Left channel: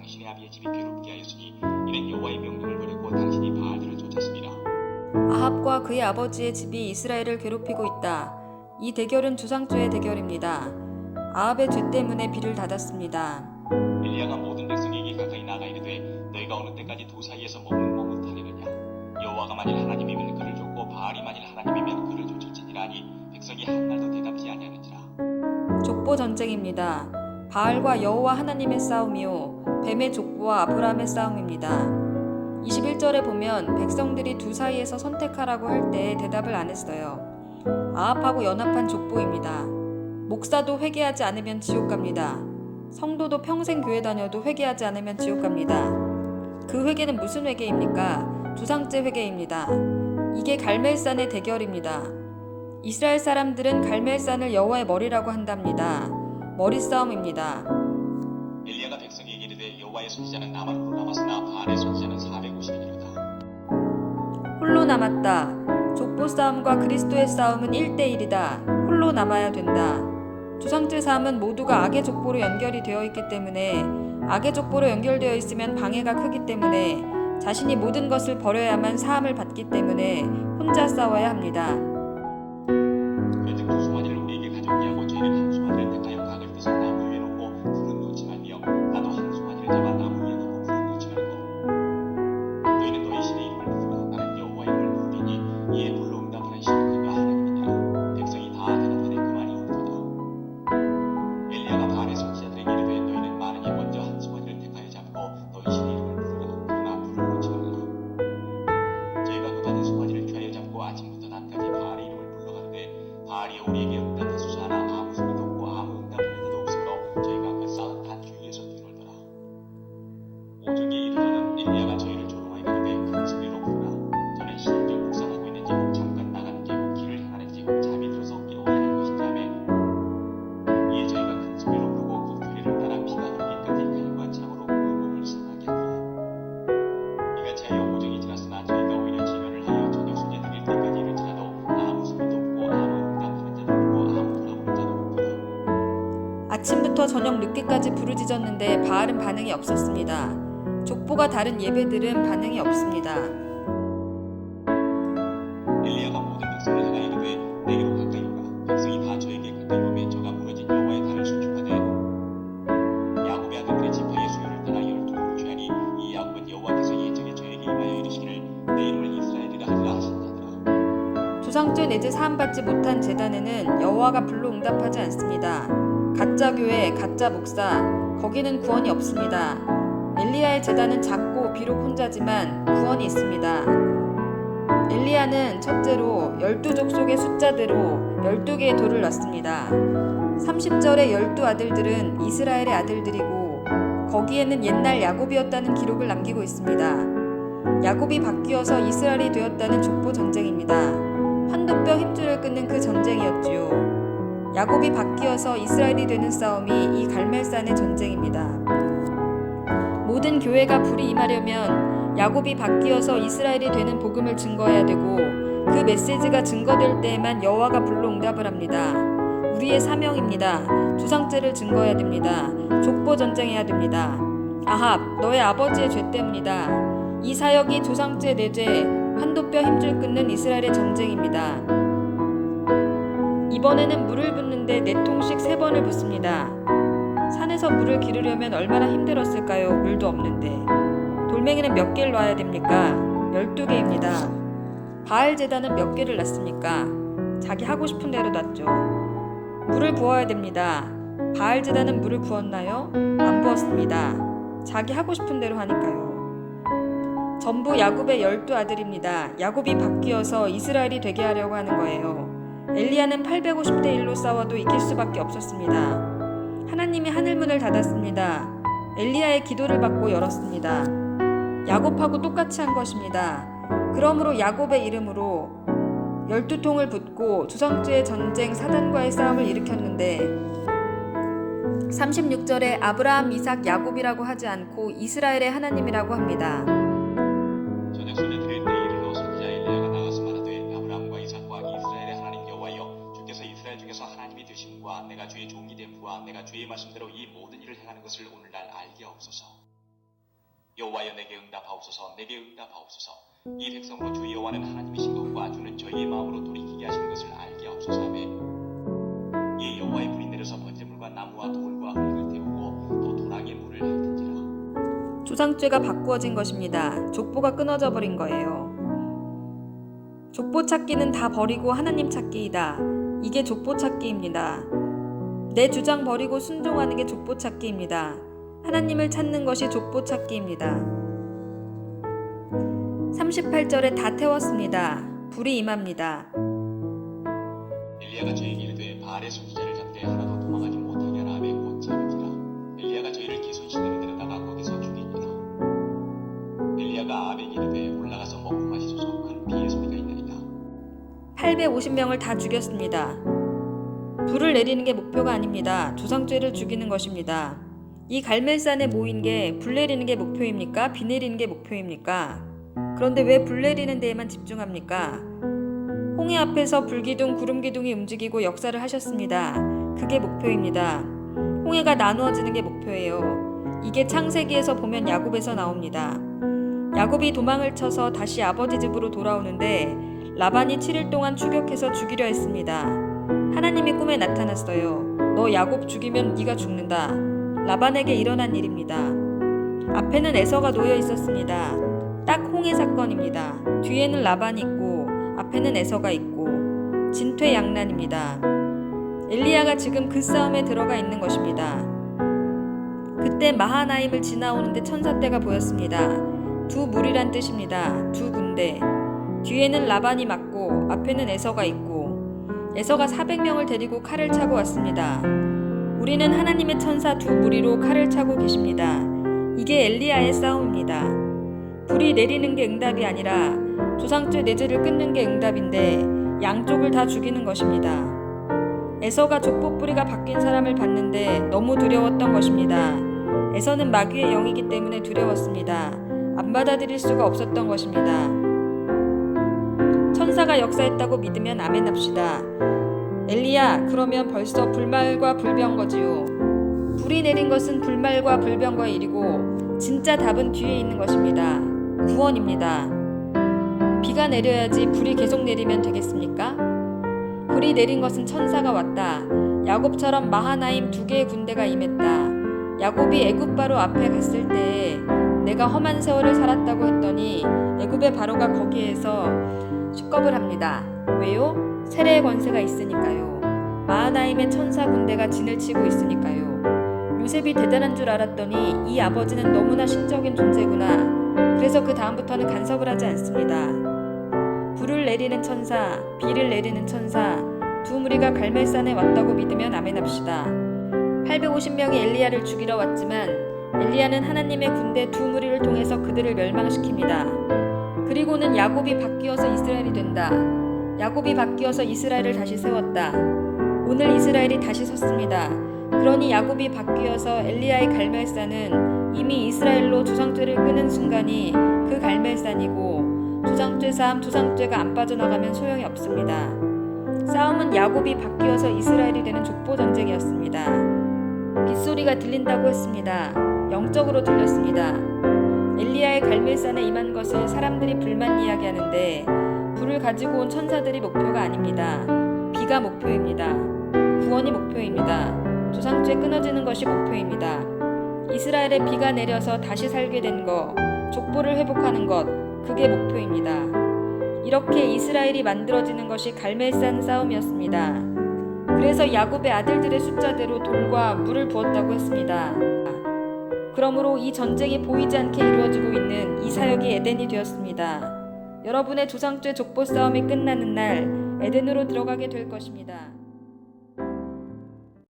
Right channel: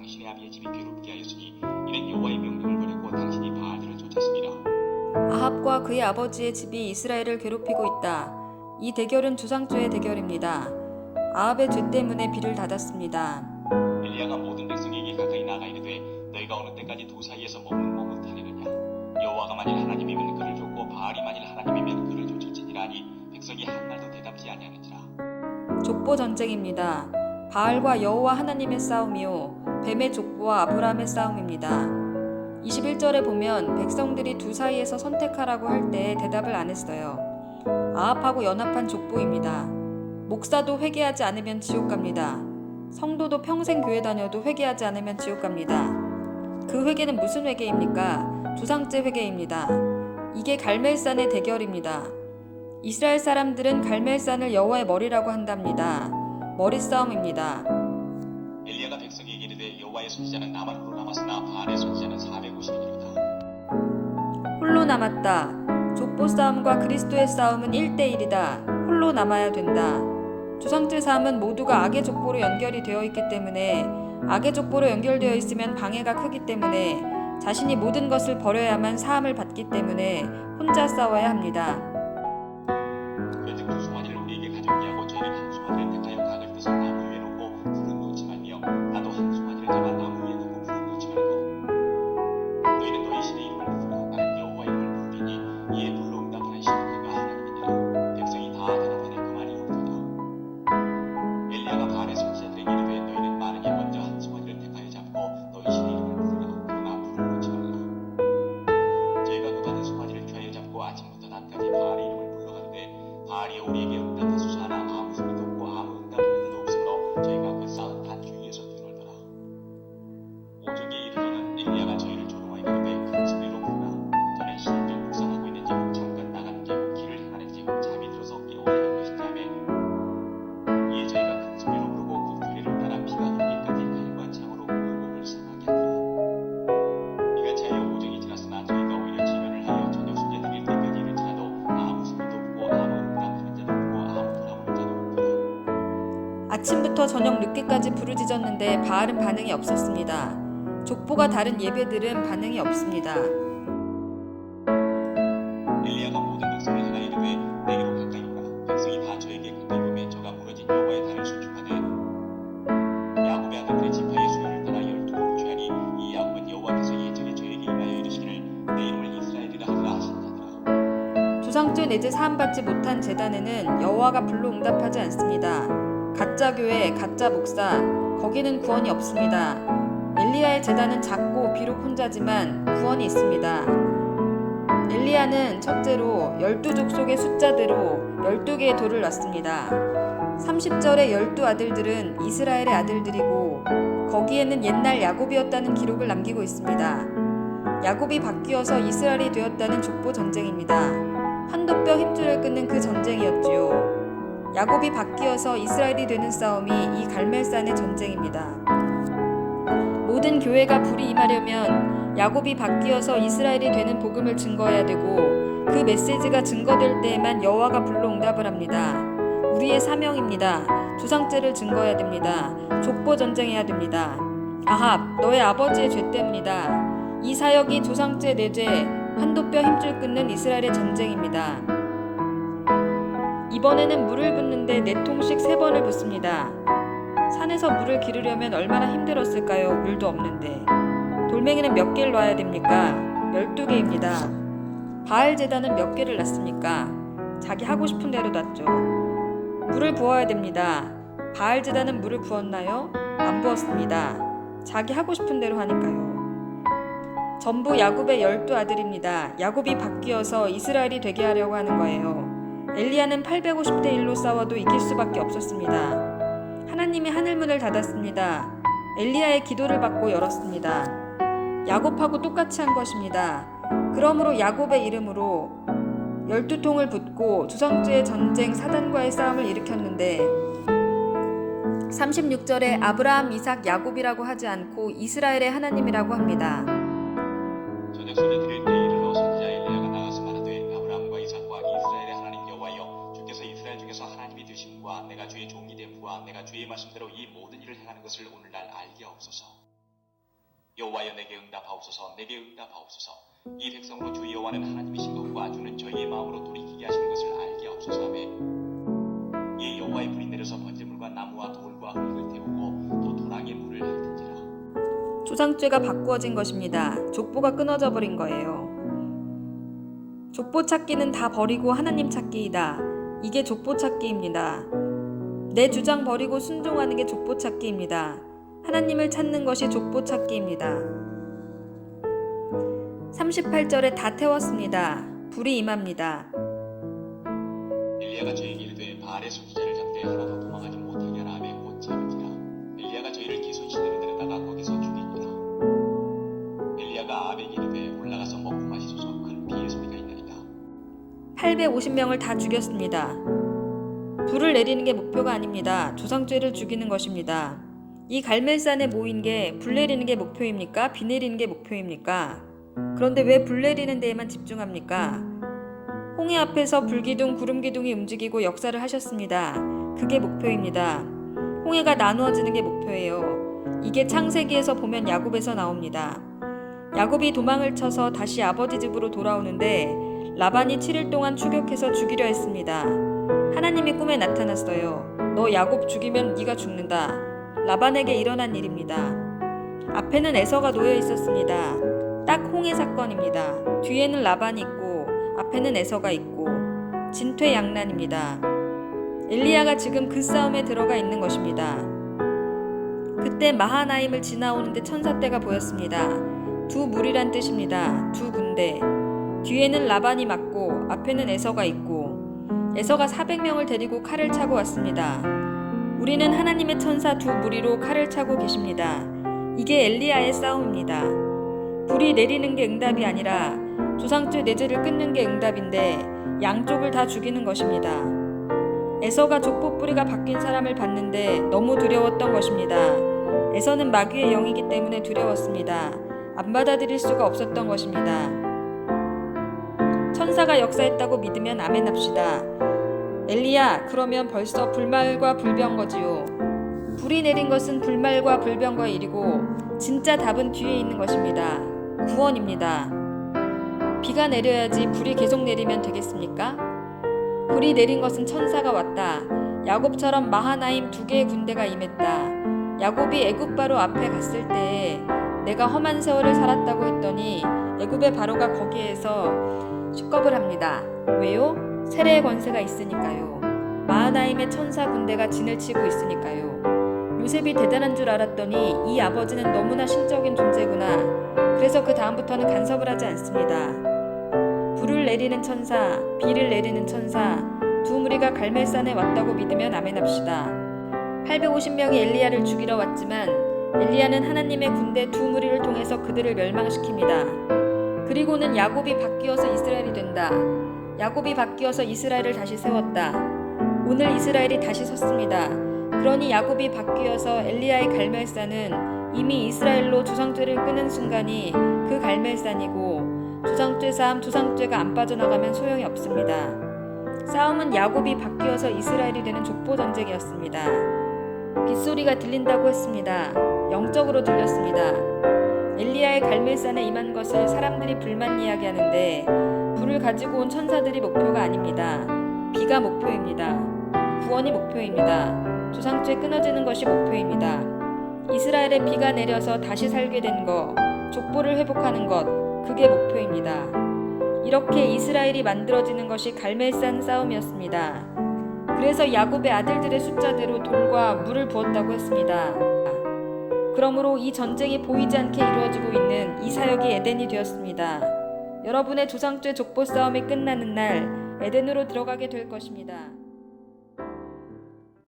당신의 아비의 집이 괴롭게 하였으니 이는 여호와의 명령을 버렸고 당신이 바알들을 쫓았습니다. 아합과 그의 아버지의 집이 이스라엘을 괴롭히고 있다. 이 대결은 주상죄의 대결입니다. 아합의 죄 때문에 비를 닫았습니다. 엘리야가 모든 백성에게 가까이 나가 이르되 너희가 어느 때까지 두 사이에서 머뭇머뭇하리느냐. 여호와가 만일 하나님이면 그를 쫓고 바알이 만일 하나님이면 그를 쫓을지니라 하니 백성이 한말도 대답지 아니하는지라. 족보 전쟁입니다. 바알과 여호와 하나님의 싸움이요 뱀의 족보와 아브라함의 싸움입니다. 21절에 보면 백성들이 두 사이에서 선택하라고 할 때 대답을 안 했어요. 아합하고 연합한 족보입니다. 목사도 회개하지 않으면 지옥 갑니다. 성도도 평생 교회 다녀도 회개하지 않으면 지옥 갑니다. 그 회개는 무슨 회개입니까? 주상죄 회개입니다. 이게 갈멜산의 대결입니다. 이스라엘 사람들은 갈멜산을 여호와의 머리라고 한답니다. 머리 싸움입니다. 엘리야가 백성에게 이르되 여호와의 선지자는 나만 홀로 남았으나 바알의 선지자는 450이니로다. 홀로 남았다. 족보 싸움과 그리스도의 싸움은 1대1이다. 홀로 남아야 된다. 주상죄 사함은 모두가 악의 족보로 연결이 되어 있기 때문에 악의 족보로 연결되어 있으면 방해가 크기 때문에 자신이 모든 것을 버려야만 사함을 받기 때문에 혼자 싸워야 합니다. 그런즉 두 송아지를 우리에게 가져오게 하고 저희는 한 송아지를 택하여 각을 떠서 나무 위에 놓고 불은 놓지 말며 나도 한 송아지를 잡아 나무 위에 놓고 불은 놓지 말고 너희는 너희 신의 이름을 부르라. 나는 여호와 이름을 부르리니 이에 불로 응답하는 신은 그가 하나님이니라. 백성이 다 대답하되 그만이 옳도다. 엘리야가 바알의 선지자들에게 이르되 너희는 많으니 먼저 한 송아지를 택하여 잡고 너희 신의 이름을 부르라. 그러나 불을 놓지 말라. 저희가 그 받은 송아지를 취하여 잡고 아침부터 낮까지 바알의 이름을 불러가는데 바알이 우리에게 응답하소서 하나 아무 소리도 없고 아무 응답하는 자도 없으므로 저희가 그 쌓은 단 주위에서 뛰놀더라. 오중에 이르러는 엘리야가 저희를 조롱하이르되 큰 소리로 부르라. 저는 신적 묵상하고 있는지 혹 잠깐 나가는지 혹 길을 행하는지 혹 잠이 들어서 깨워야 할 것인지 하매 이에 저희가 큰 소리로 부르고 그 규례를 따라 피가 흐르기까지 칼과 창으로 그 몸을 상하게 하더라. 이같이 하여 오중이 지났으나 저희가 오히려 지면을 하여 저녁 소재 드릴 때까지 이를지라도 아무 소리도 없고 아무 응답하는 자도 없고 아무 돌아보는 자도 없더라. 아침부터 저녁 늦게까지 부르짖었는데 바알은 반응이 없었습니다. 족보가 다른 예배들은 반응이 없습니다. 엘리야가 모든 백성을 향하여 이르되 내게로 가까이 오라. 백성이 다 저에게 가까이 오매 저가 무너진 여호와의 단을 수축하되 야곱의 아들들의 지파의 수요를 따라 12돌을 취하니 이 야곱은 여호와께서 예정에 저에게 임하여 이르시기를 내 이름을 이스라엘이라 하리라 하신 자더라. 주상죄 내지 사함받지 못한 제단에는 여호와가 불로 응답하지 않습니다. 가짜 교회, 가짜 목사, 거기는 구원이 없습니다. 엘리야의 제단은 작고 비록 혼자지만 구원이 있습니다. 엘리야는 첫째로 12족속의 숫자대로 12개의 돌을 놨습니다. 30절의 12아들들은 이스라엘의 아들들이고 거기에는 옛날 야곱이었다는 기록을 남기고 있습니다. 야곱이 바뀌어서 이스라엘이 되었다는 족보 전쟁입니다. 한도뼈 힘줄을 끊는 그 전쟁이었지요. 야곱이 바뀌어서 이스라엘이 되는 싸움이 이 갈멜산의 전쟁입니다. 모든 교회가 불이 임하려면 야곱이 바뀌어서 이스라엘이 되는 복음을 증거해야 되고 그 메시지가 증거될 때에만 여호와가 불로 응답을 합니다. 우리의 사명입니다. 주상죄를 증거해야 됩니다. 족보 전쟁해야 됩니다. 아합, 너의 아버지의 죄 때문이다. 이 사역이 조상죄 내죄, 한도뼈 힘줄 끊는 이스라엘의 전쟁입니다. 이번에는 물을 붓는데 4통씩 3번을 붓습니다. 산에서 물을 기르려면 얼마나 힘들었을까요? 물도 없는데. 돌멩이는 몇 개를 놔야 됩니까? 12개입니다. 바알 제단은 몇 개를 놨습니까? 자기 하고 싶은 대로 놨죠. 물을 부어야 됩니다. 바알 제단은 물을 부었나요? 안 부었습니다. 자기 하고 싶은 대로 하니까요. 전부 야곱의 12아들입니다. 야곱이 바뀌어서 이스라엘이 되게 하려고 하는 거예요. 엘리야는 850대 1로 싸워도 이길 수밖에 없었습니다. 하나님이 하늘문을 닫았습니다. 엘리야의 기도를 받고 열었습니다. 야곱하고 똑같이 한 것입니다. 그러므로 야곱의 이름으로 12통을 붓고 주상죄의 전쟁 사단과의 싸움을 일으켰는데 36절에 아브라함, 이삭, 야곱이라고 하지 않고 이스라엘의 하나님이라고 합니다. 저녁 소재 드릴 때 이르러 선지자 엘리야가 나가서 말하되 아브라함과 이삭과 이스라엘의 하나님 여호와여 주께서 이스라엘 중에서 하나님이 되심과 내가 주의 종이 됨과 내가 주의 말씀대로 이 모든 일을 행하는 것을 오늘날 알게 하옵소서. 여호와여 내게 응답하옵소서. 내게 응답하옵소서. 이 백성으로 주 여호와는 하나님이신 것과 주는 저희의 마음으로 돌이키게 하시는 것을 알게 하옵소서. 아멘. 이에 여호와의 불이 내려서 번제물과 나무와 돌과 흙을 태우고 또 도랑에 물을 핥은지라. 조상죄가 바꾸어진 것입니다. 족보가 끊어져 버린 거예요. 족보 찾기는 다 버리고 하나님 찾기이다. 이게 족보 찾기입니다. 내 주장 버리고 순종하는 게 족보 찾기입니다. 하나님을 찾는 것이 족보 찾기입니다. 38절에 다 태웠습니다. 불이 임합니다. 엘리야가 저에게 이르되 바알의 선지자를 잡되 하나도 도망하지 못하게 하라 하매 곧 잡은지라. 엘리야가 저희를 기손시내로 데려다가 거기서 죽이니라. 엘리야가 아합에게 이르되 올라가서 먹고 마시소서. 큰 비의 소리가 있나이다. 850명을 다 죽였습니다. 불을 내리는 게 목표가 아닙니다. 조상죄를 죽이는 것입니다. 이 갈멜산에 모인 게 불 내리는 게 목표입니까? 비 내리는 게 목표입니까? 그런데 왜 불 내리는 데에만 집중합니까? 홍해 앞에서 불기둥, 구름기둥이 움직이고 역사를 하셨습니다. 그게 목표입니다. 홍해가 나누어지는 게 목표예요. 이게 창세기에서 보면 야곱에서 나옵니다. 야곱이 도망을 쳐서 다시 아버지 집으로 돌아오는데 라반이 7일 동안 추격해서 죽이려 했습니다. 하나님이 꿈에 나타났어요. 너 야곱 죽이면 네가 죽는다. 라반에게 일어난 일입니다. 앞에는 에서가 놓여 있었습니다. 딱 홍해 사건입니다. 뒤에는 라반이 있고 앞에는 에서가 있고 진퇴양난입니다. 엘리야가 지금 그 싸움에 들어가 있는 것입니다. 그때 마하나임을 지나오는데 천사떼가 보였습니다. 두 무리란 뜻입니다. 두 군대. 뒤에는 라반이 맞고 앞에는 에서가 있고 에서가 400명을 데리고 칼을 차고 왔습니다. 우리는 하나님의 천사 두 무리로 칼을 차고 계십니다. 이게 엘리야의 싸움입니다. 불이 내리는 게 응답이 아니라 조상죄 내재를 끊는 게 응답인데 양쪽을 다 죽이는 것입니다. 에서가 족보 뿌리가 바뀐 사람을 봤는데 너무 두려웠던 것입니다. 에서는 마귀의 영이기 때문에 두려웠습니다. 안 받아들일 수가 없었던 것입니다. 천사가 역사했다고 믿으면 아멘 합시다. 엘리야, 그러면 벌써 불말과 불병거지요. 불이 내린 것은 불말과 불병거의 일이고 진짜 답은 뒤에 있는 것입니다. 구원입니다. 비가 내려야지 불이 계속 내리면 되겠습니까? 불이 내린 것은 천사가 왔다. 야곱처럼 마하나임 2개의 군대가 임했다. 야곱이 애굽 바로 앞에 갔을 때에 내가 험한 세월을 살았다고 했더니 애굽의 바로가 거기에서 식겁을 합니다. 왜요? 세례의 권세가 있으니까요. 마하나임의 천사 군대가 진을 치고 있으니까요. 요셉이 대단한 줄 알았더니 이 아버지는 너무나 신적인 존재구나. 그래서 그 다음부터는 간섭을 하지 않습니다. 불을 내리는 천사, 비를 내리는 천사, 두 무리가 갈멜산에 왔다고 믿으면 아멘 합시다. 850명이 엘리야를 죽이러 왔지만 엘리야는 하나님의 군대 두 무리를 통해서 그들을 멸망시킵니다. 그리고는 야곱이 바뀌어서 이스라엘이 된다. 야곱이 바뀌어서 이스라엘을 다시 세웠다. 오늘 이스라엘이 다시 섰습니다. 그러니 야곱이 바뀌어서 엘리야의 갈멜산은 이미 이스라엘로 조상죄를 끊은 순간이 그 갈멜산이고 조상죄 사함, 조상죄가 안 빠져나가면 소용이 없습니다. 싸움은 야곱이 바뀌어서 이스라엘이 되는 족보 전쟁이었습니다. 빗소리가 들린다고 했습니다. 영적으로 들렸습니다. 엘리야의 갈멜산에 임한 것을 사람들이 불만 이야기하는데 불을 가지고 온 천사들이 목표가 아닙니다. 비가 목표입니다. 구원이 목표입니다. 조상죄 끊어지는 것이 목표입니다. 이스라엘에 비가 내려서 다시 살게 된 것, 족보를 회복하는 것, 그게 목표입니다. 이렇게 이스라엘이 만들어지는 것이 갈멜산 싸움이었습니다. 그래서 야곱의 아들들의 숫자대로 돌과 물을 부었다고 했습니다. 그러므로 이 전쟁이 보이지 않게 이루어지고 있는 이 사역이 에덴이 되었습니다. 여러분의 조상죄 족보 싸움이 끝나는 날 에덴으로 들어가게 될 것입니다.